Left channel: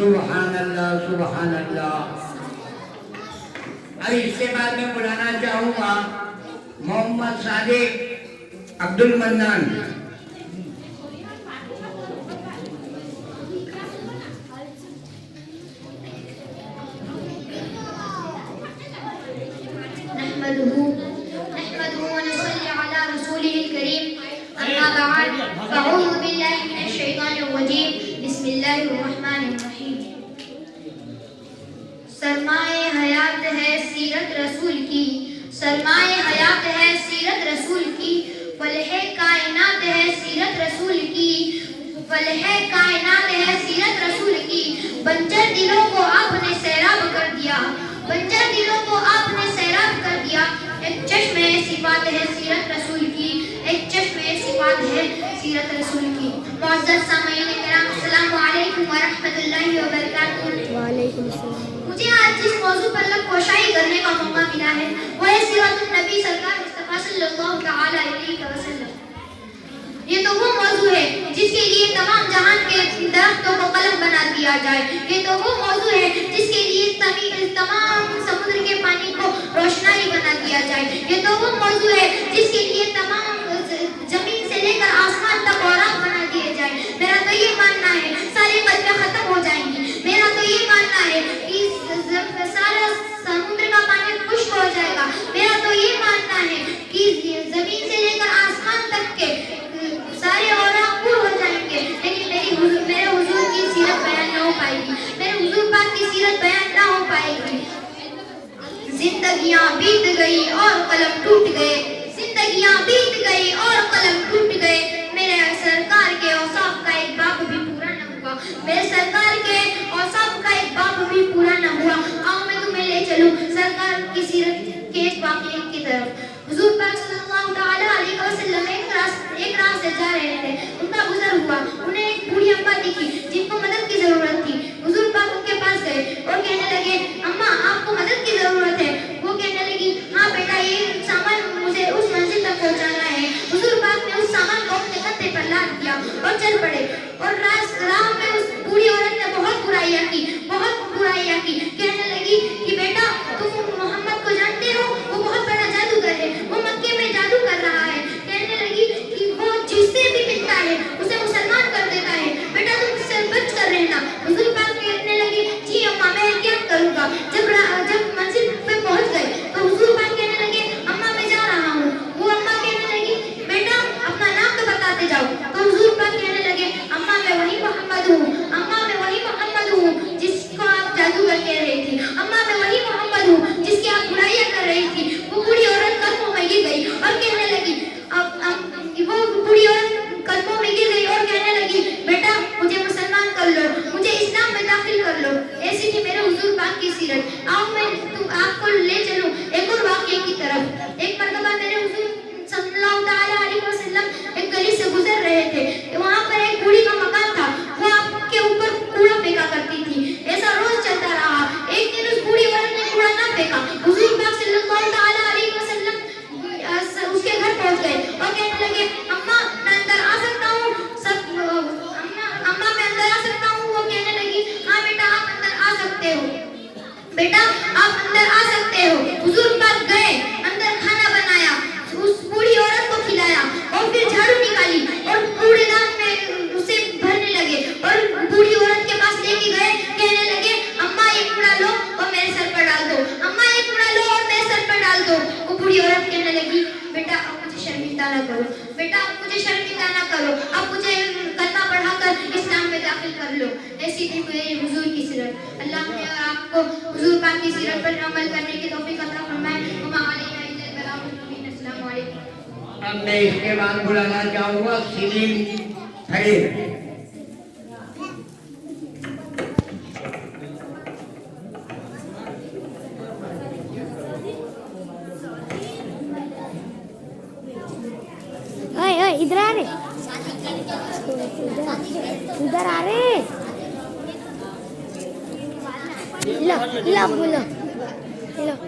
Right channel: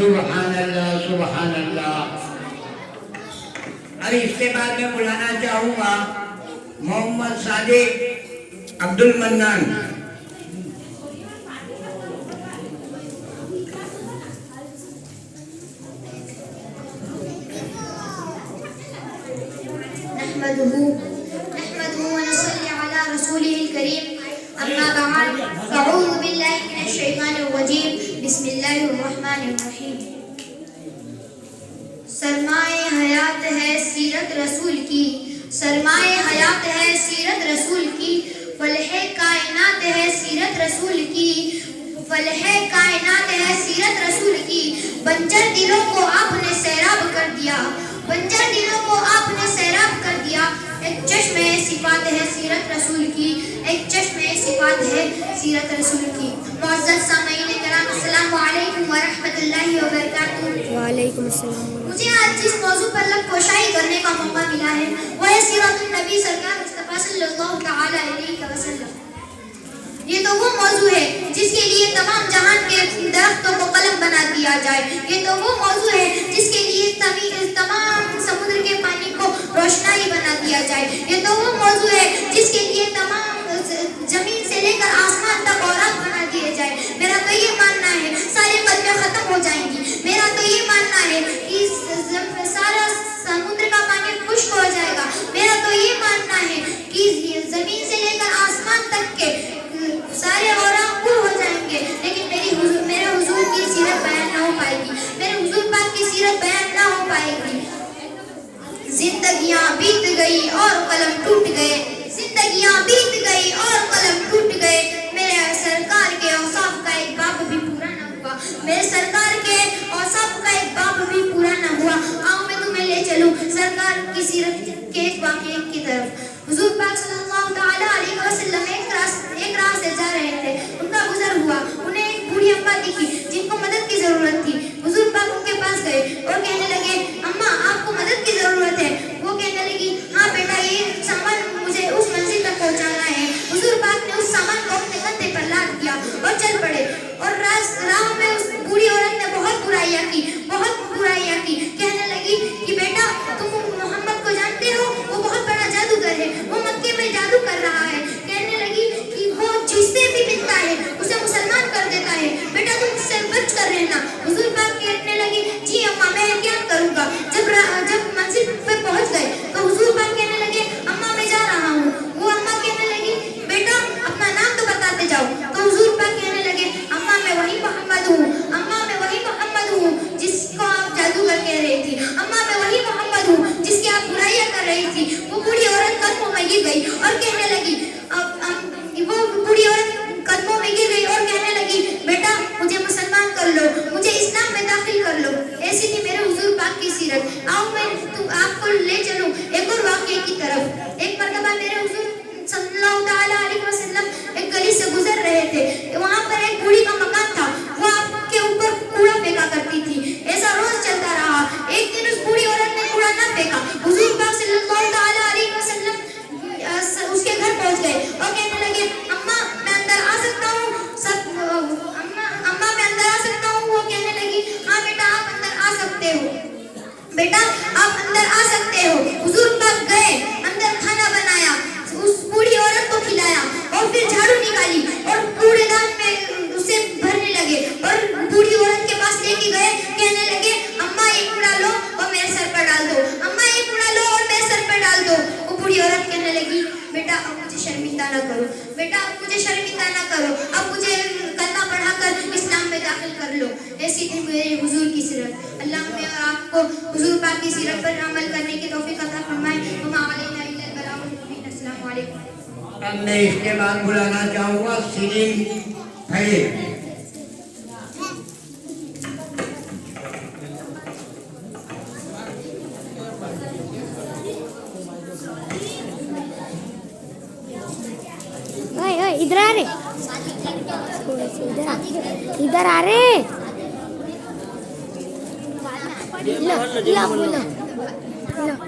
सुबहान अल्लाह सुबहान अल्लाह। और इसके बाद मैं बुलाना चाहूंगा मोहम्मद सादिक अब्दुल मन्नान। सरमाए हयात है सीरत रसूल की, सरमाए हयात है सीरत रसूल की, फलहे कायनात है सीरत रसूल की, फलहे कायनात है सीरत रसूल की। बंजर दिलों को आपने सैराब कर दिया, बंजर दिलों को आपने सैराब कर दिया। एक चश्मे सिफात है सीरत रसूल की, एक चश्मे सिफात है सीरत रसूल की। मुअज़्ज़ज़ सामीईन किराम, अस्सलामु अलैकुम व रहमतुल्लाहि व बरकातुहू। वालेकुम अस्सलाम। मुझे आज जिस मौजू पर लबकोशाई करने का मौका मिला है वो है सीरतुन नबी सरकार मुस्तफा सल्लल्लाहु तआला अलैहि वसल्लम। ये तो वो मौजू है जिसके लिए तमाम जहान के दरख्तों को कलम बना दिया जाए। ये तो वो मौजू है जिसके लिए तमाम समुद्र के पानी को रोशनाई बना दिया जाए। ये तो वो मौजू है जिसके लिए तमाम जमीन से लेकर आसमान तक औरात बना दिए जाए। मेरा तो ये मानना है सारी कलमें खत्म हो जाएंगी। मेरा तो ये मानना है कि सारा समुद्र का पानी खुश्क हो जाएगा। मेरा तो ये मानना है कि जमीन से लेकर आसमान तक के सारे औरात पूरे हो जाएंगे, लेकिन मेरे हुजूर की सीरत बयान ना हो पाएगी, मेरे हुजूर पाक की सीरत बयान ना हो पाएगी। जिंदगियां बीत गई और कलम टूट गए, जिंदगियां बीत गई और कलम टूट गए। मेरे सरकार के औसाफ का एक बाब भी पूरा न हुआ, मेरे सरकार के औसाफ का एक बाब भी पूरा न हुआ। आओ मैं तुम्हें ले चलूं सरकार की सीरत के एक वाक़ये की तरफ। हुजूर पाक सल्लल्लाहु तआला अलैहि वसल्लम एक राह से जा रहे थे, उनका गुजर हुआ। उन्हें एक बूढ़ी अम्मा दिखी जिनको मदद की जरूरत थी। हुजूर पाक उनके पास गए और कहने लगे, अम्मा आपको मदद की जरूरत है? वो कहने लगी, हाँ बेटा ये सामान मुझे उस मंजिल तक पहुंचाना है। हुजूर पाक ने उस सामान को अपने कंधे पर लाद दिया और चल पड़े। और राह में उस बूढ़ी औरत ने बहुत बुराइयां की, बहुत बुराइयां की। कहने लगी कि बेटा तुम मोहम्मद को जानते हो? वो बहुत बड़ा जादूगर है, वो मक्के में जादू कर रहा है। कहने लगी कि वो जिससे भी मिलता है उसे मुसलमान कर देता है, बेटा तुम इससे बच कर रहना। हुजूर पाक कहने लगी, जी अम्मा मैं एहतियात करूंगा। जब मंजिल पे पहुंच गए तो हुजूर पाक कहने लगे, अम्मा मैं जा रहा हूँ। वो अम्मा कहने लगी, बेटा अपना नाम तो बताते जाओ। तो हुजूर पाक कहने लगे, अम्मा मैं वही मोहम्मद हूँ, अम्मा मैं वही मोहम्मद हूँ जिसको आप जादूगर कह रही थी, अम्मा मैं वही मोहम्मद हूँ जिसकी आप बुराइयां कर रही थी। वो बूढ़ी औरत कदमों में गिर गई और कहने लगी, वो बूढ़ी औरत कदमों में गिर गई और कहने लगी, बेटा मुझे मुसलमान कर लो, मुझे इस्लाम में दाखिल कर लो। ऐसी थी मेरे हुजूर पाक की सीरत। आओ मैं आपको ले चलूं एक और वाक़ये की तरफ। एक मरतबा मेरे हुजूर सल्लल्लाहु तआला अलैहि वसल्लम एक गली से गुजर रहे थे। वहां पर एक बूढ़ी का मकान था, वो आपके ऊपर कूड़ा फेंका करती थी। ऐसा रोज चलता रहा। एक दिन उस बूढ़ी औरत ने कूड़ा ना फेंका। हुजूर पाक सल्लल्लाहु तआला अलैहि वसल्लम उसके घर पहुंच गए और कहने लगे, अम्मा मैं अंदर आ सकता हूँ? अम्मा मैं अंदर आ सकता हूँ? वो कहने लगी, हाँ बेटा आप अंदर आ सकते हो, बेटा आप अंदर आ सकते हो। हुजूर पाक गए, अंदर खाना बनाया, उस बूढ़ी औरत को खिलाया और फिर झाड़ू निकाली और कूड़ेदान में उसे भरने लगे और बूढ़ी औरत के पास लेके गए। कहने लगे, अम्मा ये कूड़ा लो और मेरे सर पर डाल दो, अम्मा ये कूड़ा लो और मेरे सर पर डाल दो। वो बूढ़ी औरत कहने लगी, बेटा अब मुझे शर्मिंदा न करो, बेटा अब मुझे शर्मिंदा न करो, अब मुझे कलमा पढ़ाकर इस्लाम में दाखिल कर लो। ऐसी थी मेरे हुजूर की सीरत। अल्लाह हमें और आपको हुजूर पाक की सीरत पर अमल करने की तौफीक अता फरमाए। वमा अलैना इल्लल बलागुल मुबीन। अस्सलामु अलैकुम। अब मैं इसके बाद बुलाना चाहूंगा सलीम फरीद। इधर आ रे, इधर आ रे। लो लो बोलो लो।